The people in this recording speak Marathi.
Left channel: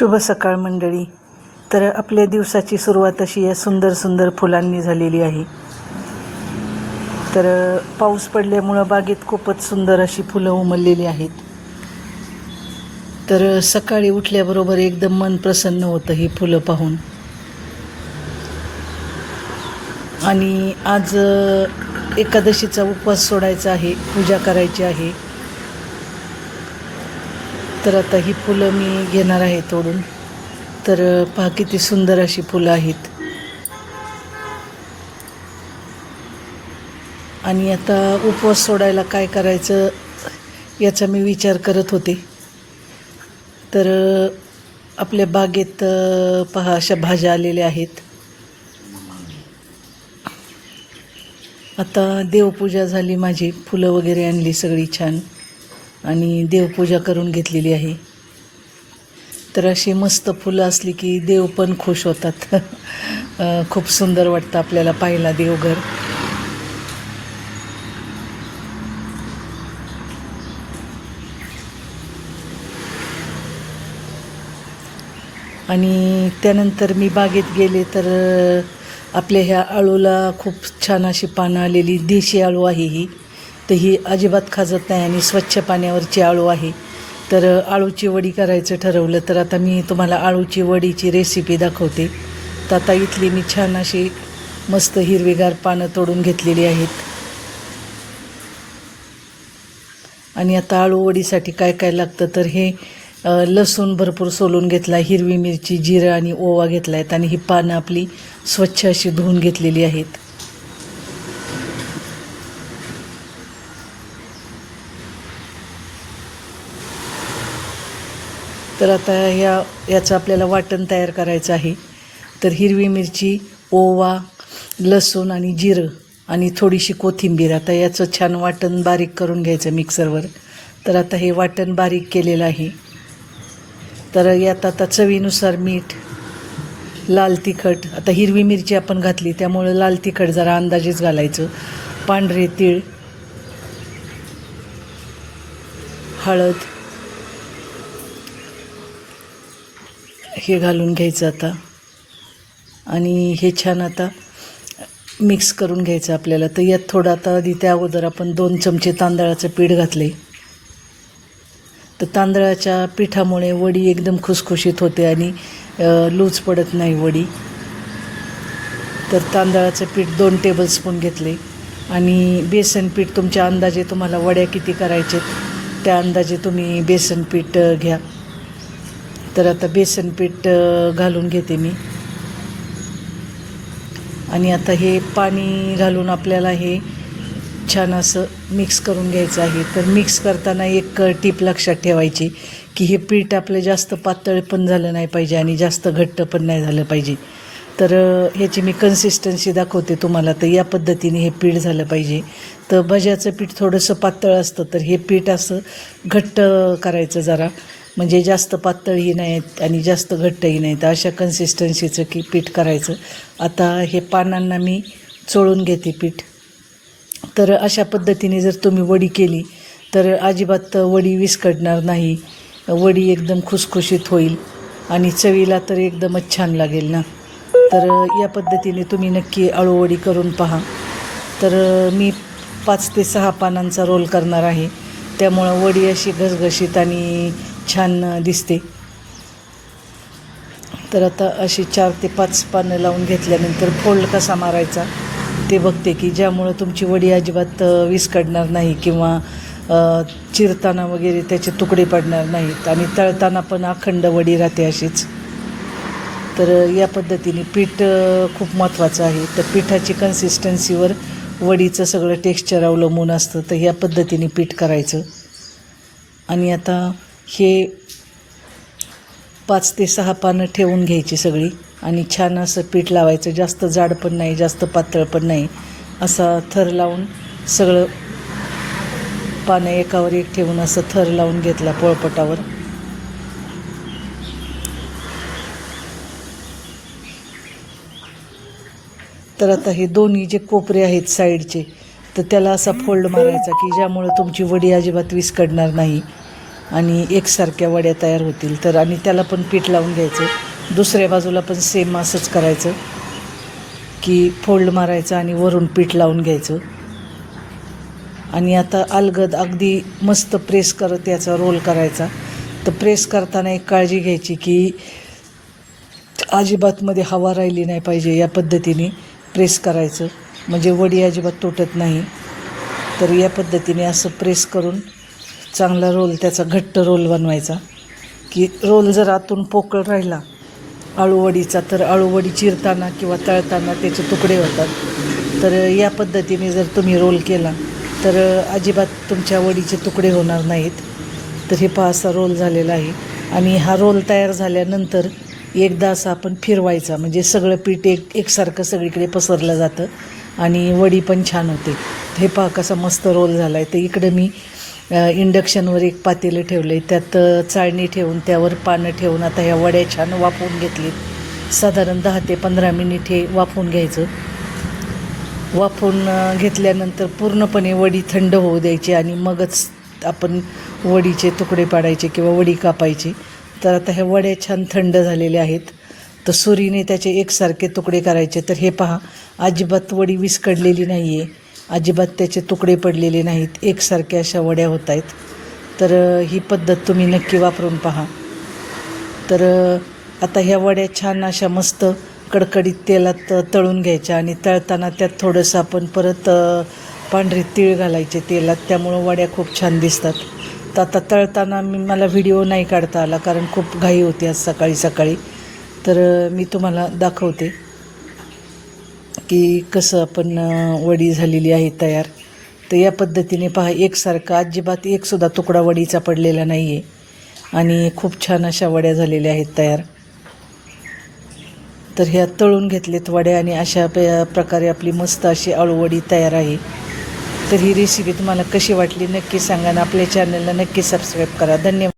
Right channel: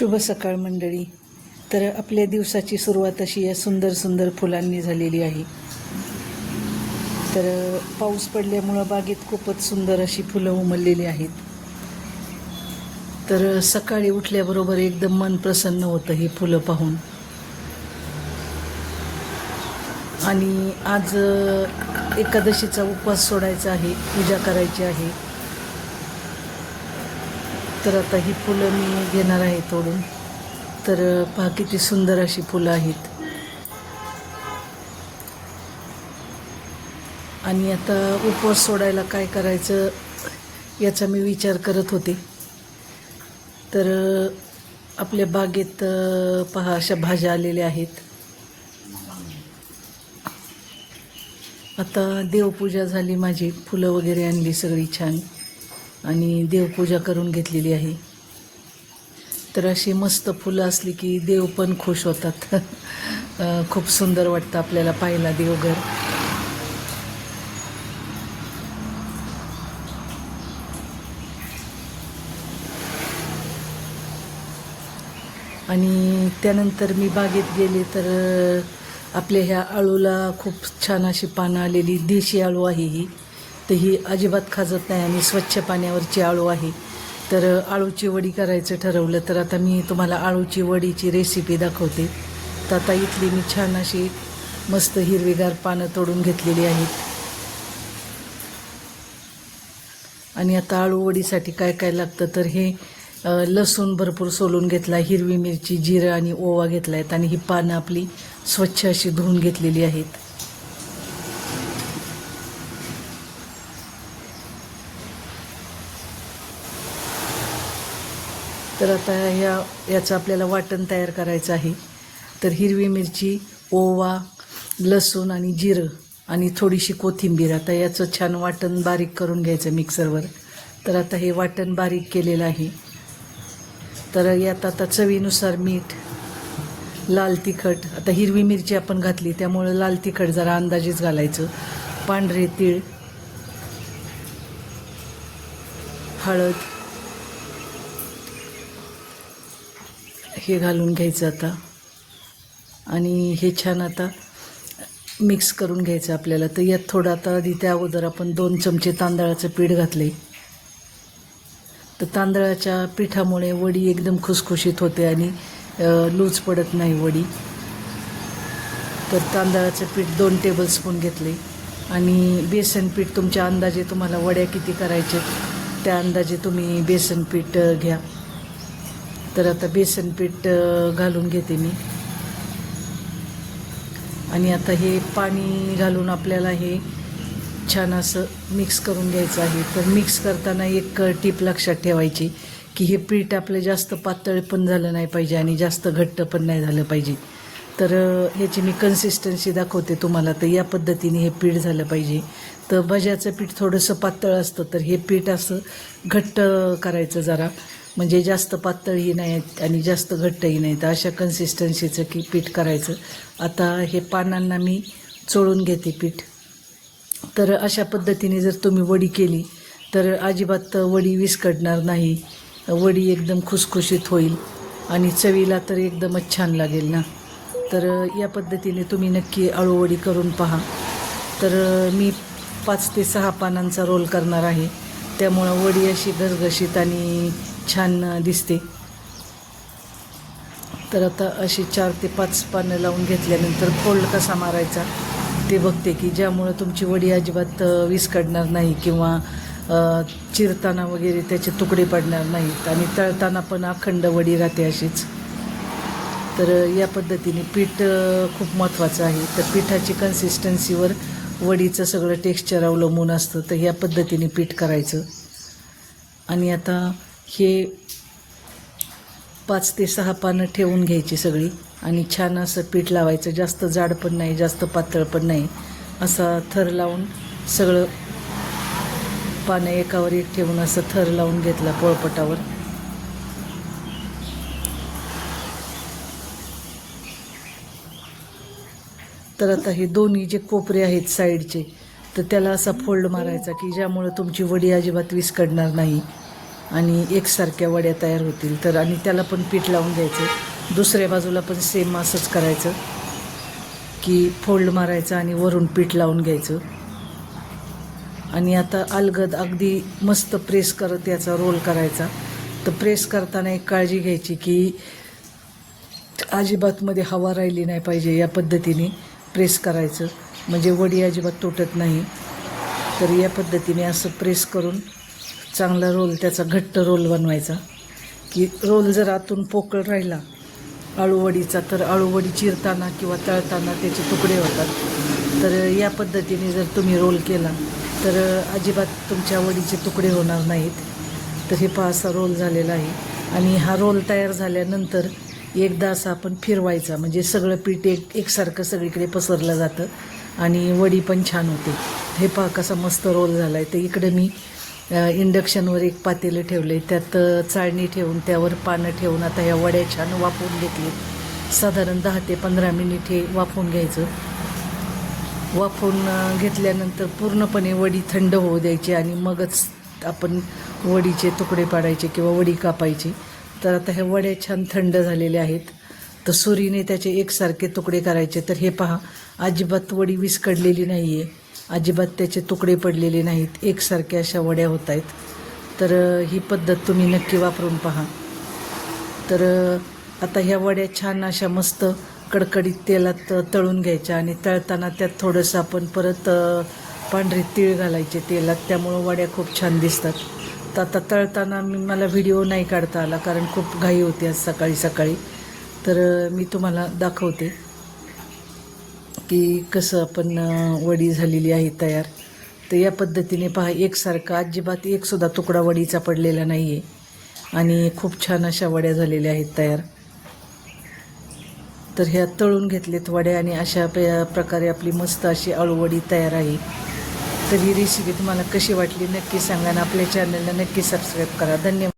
शुभ सकाळ मंडळी. तर आपल्या दिवसाची सुरुवात अशी या सुंदर सुंदर फुलांनी झालेली आहे. तर पाऊस पडल्यामुळं बागेत खूपच सुंदर अशी फुलं उमललेली आहेत. तर सकाळी उठल्याबरोबर एकदम मन प्रसन्न होतं ही फुलं पाहून. आणि आज एकादशीचा उपवास सोडायचा आहे, पूजा करायची आहे. तर आता ही फुलं मी घेणार आहे तोडून. तर पहा किती सुंदर अशी फुलं आहेत. आणि आता उपवास सोडायला काय करायचं याचा मी विचार करत होते. तर आपल्या बागेत पहा अशा भाज्या आलेल्या आहेत. आता देवपूजा झाली माझी, फुलं वगैरे आणली सगळी छान आणि देवपूजा करून घेतलेली आहे. तर अशी मस्त फुलं असली की देव पण खुश होतात. खूप सुंदर वाटतं आपल्याला पाहायला देवघर. आणि त्यानंतर मी बागेत गेले तर आपल्या ह्या आळूला खूप छान अशी पानं आलेली. देशी आळू आहे ही. तर ही अजिबात खाजत नाही आणि स्वच्छ पाण्यावरची आळू आहे. तर आळूची वडी करायचं ठरवलं. तर आता मी तुम्हाला आळूची वडीची रेसिपी दाखवते. तर आता इथली मी छान अशी मस्त हिरवीगार पानं तोडून घेतलेली आहेत. आणि आता आळू वडीसाठी काय काय लागतं तर हे लसूण भरपूर सोलून घेतला, हिरवी मिरची, जिरं आणि ओवा घेतला आहेत. आणि ही पानं आपली स्वच्छ अशी धुवून घेतलेली आहेत. तर आता याचं आपल्याला वाटण तयार करायचं आहे. तर हिरवी मिरची, ओवा, लसूण आणि जिरं आणि थोडीशी कोथिंबीर. आता याचं छान वाटण बारीक करून घ्यायचं मिक्सरवर. तर आता हे वाटण बारीक केलेलं आहे. तर यात आता चवीनुसार मीठ, लाल तिखट. आता हिरवी मिरची आपण घातली त्यामुळे लाल तिखट जरा अंदाजेच घालायचं. पांढरे तीळ, हळद हे घालून घ्यायचं आता. आणि हे छान आता मिक्स करून घ्यायचं आपल्याला. तर यात थोडं आता आधी त्या अगोदर आपण 2 चमचे तांदळाचं पीठ घातले. तर तांदळाच्या पिठामुळे वडी एकदम खुसखुशीत होते आणि लूज पडत नाही वडी. तर तांदळाचं पीठ 2 टेबलस्पून घेतले. आणि बेसन पीठ तुमच्या अंदाजे, तुम्हाला वड्या किती करायचे त्या अंदाजे तुम्ही बेसन पीठ घ्या. तर आता बेसन पीठ घालून घेते मी. आणि आता हे पाणी घालून आपल्याला हे छान असं मिक्स करून घ्यायचं आहे. तर मिक्स करताना एक टीप लक्षात ठेवायची की हे पीठ आपलं जास्त पातळ पण झालं नाही पाहिजे आणि जास्त घट्ट पण नाही झालं पाहिजे. तर ह्याची मी कन्सिस्टन्सी दाखवते तुम्हाला. तर या पद्धतीने हे पीठ झालं पाहिजे. तर भज्याचं पीठ थोडंसं पातळ असतं, तर हे पीठ असं घट्ट करायचं जरा, म्हणजे जास्त पातळही नाहीत आणि जास्त घट्टही नाही. तर अशा कन्सिस्टन्सीचं की पीठ करायचं. आता हे पानांना मी चोळून घेते पीठ. तर अशा पद्धतीने जर तुम्ही वडी केली तर अजिबात वडी विस्कटणार नाही. वडी एकदम खुसखुशीत होईल आणि चवीला तर एकदमच छान लागेल ना. तर या पद्धतीने तुम्ही नक्की आळूवडी करून पहा. तर मी 5 ते 6 पानांचा रोल करणार आहे, त्यामुळं वडी अशी घसघशीत आणि छान दिसते. तर आता अशी 4 ते 5 पानं लावून घेतल्यानंतर फोल्ड कसा मारायचा ते बघते की ज्यामुळं तुमची वडी अजिबात विस्कटणार नाही किंवा चिरताना वगैरे त्याचे तुकडे पडणार नाहीत आणि तळताना पण अखंड वडी राहते अशीच. तर या पद्धतीने पीठ खूप महत्त्वाचं आहे. तर पिठाची कन्सिस्टन्सीवर वडीचं सगळं टेक्स्चर अवलंबून असतं. तर या पद्धतीने पीठ करायचं. आणि आता हे 5 ते 6 पानं ठेवून घ्यायची सगळी आणि छान असं पीठ लावायचं. जास्त जाड पण नाही, जास्त पातळ पण नाही, असा थर लावून सगळं पानं एकावर एक ठेवून असं थर लावून घेतला पोळपटावर. तर आता हे दोन्ही जे कोपरे आहेत साईडचे, तर त्याला असा फोल्ड मारायचा की ज्यामुळं तुमची वडी अजिबात विस्कटणार नाही. आणि एकसारख्या वड्या तयार होतील. तर आणि त्याला पण पीठ लावून घ्यायचं. दुसऱ्या बाजूला पण सेम असंच करायचं की फोल्ड मारायचं आणि वरून पीठ लावून घ्यायचं. आणि आता अलगद अगदी मस्त प्रेस करत याचा रोल करायचा. तर प्रेस करताना एक काळजी घ्यायची की अजिबात मध्ये हवा राहिली नाही पाहिजे. या पद्धतीने प्रेस करायचं म्हणजे वडी अजिबात तुटत नाही. तर या पद्धतीने असं प्रेस करून चांगला रोल, त्याचा घट्ट रोल बनवायचा. की रोल जर आतून पोकळ राहिला अळूवडीचा तर अळूवडी चिरताना किंवा तळताना त्याचे तुकडे होतात. तर या पद्धतीने जर तुम्ही रोल केला तर अजिबात तुमच्या वडीचे तुकडे होणार नाहीत. तर हे पहा असा रोल झालेला आहे. आणि हा रोल तयार झाल्यानंतर एकदा असं आपण फिरवायचा म्हणजे सगळं पीठ एकसारखं सगळीकडे पसरलं जातं आणि वडी पण छान होते. हे पहा कसा मस्त रोल झाला आहे. तर इकडे मी इंडक्शनवर एक पातेलं ठेवलं आहे. त्यात चाळणी ठेवून त्यावर पानं ठेवून आता ह्या वड्या छान वाफवून घेतलीत. साधारण 10 ते 15 मिनिट हे वाफवून घ्यायचं. वाफवून घेतल्यानंतर पूर्णपणे वडी थंड होऊ द्यायची आणि मगच आपण वडीचे तुकडे पाडायचे किंवा वडी कापायची. तर आता ह्या वड्या छान थंड झालेल्या आहेत. तर सुरीने त्याचे एकसारखे तुकडे करायचे. तर हे पहा अजिबात वडी विस्कळलेली नाही आहे, अजिबात त्याचे तुकडे पडलेले नाहीत, एकसारख्या अशा वड्या होत आहेत. तर ही पद्धत तुम्ही नक्की वापरून पहा. तर आता ह्या वड्या छान अशा मस्त कडकडीत तेलात तळून घ्यायच्या आणि तळताना त्यात थोडंसं आपण परत पांढरे तीळ घालायचे तेलात. त्यामुळं वड्या खूप छान दिसतात. तर आता तळताना मला व्हिडिओ नाही काढता आला कारण खूप घाई होती आज सकाळी सकाळी. तर मी तुम्हाला दाखवते की कसं आपण वडी झालेली आहे तयार. तर या पद्धतीने पहा एकसारखा अजिबात एकसुद्धा तुकडा वडीचा पडलेला नाही आहे आणि खूप छान अशा वड्या झालेल्या आहेत तयार. तर ह्या तळून घेतलेत वड्या आणि अशा प्रकारे आपली मस्त अशी अळूवडी तयार आहे. तर ही रेसिपी तुम्हाला कशी वाटली नक्की सांगा आणि आपल्या चॅनलला नक्की सबस्क्राईब करा. धन्यवाद.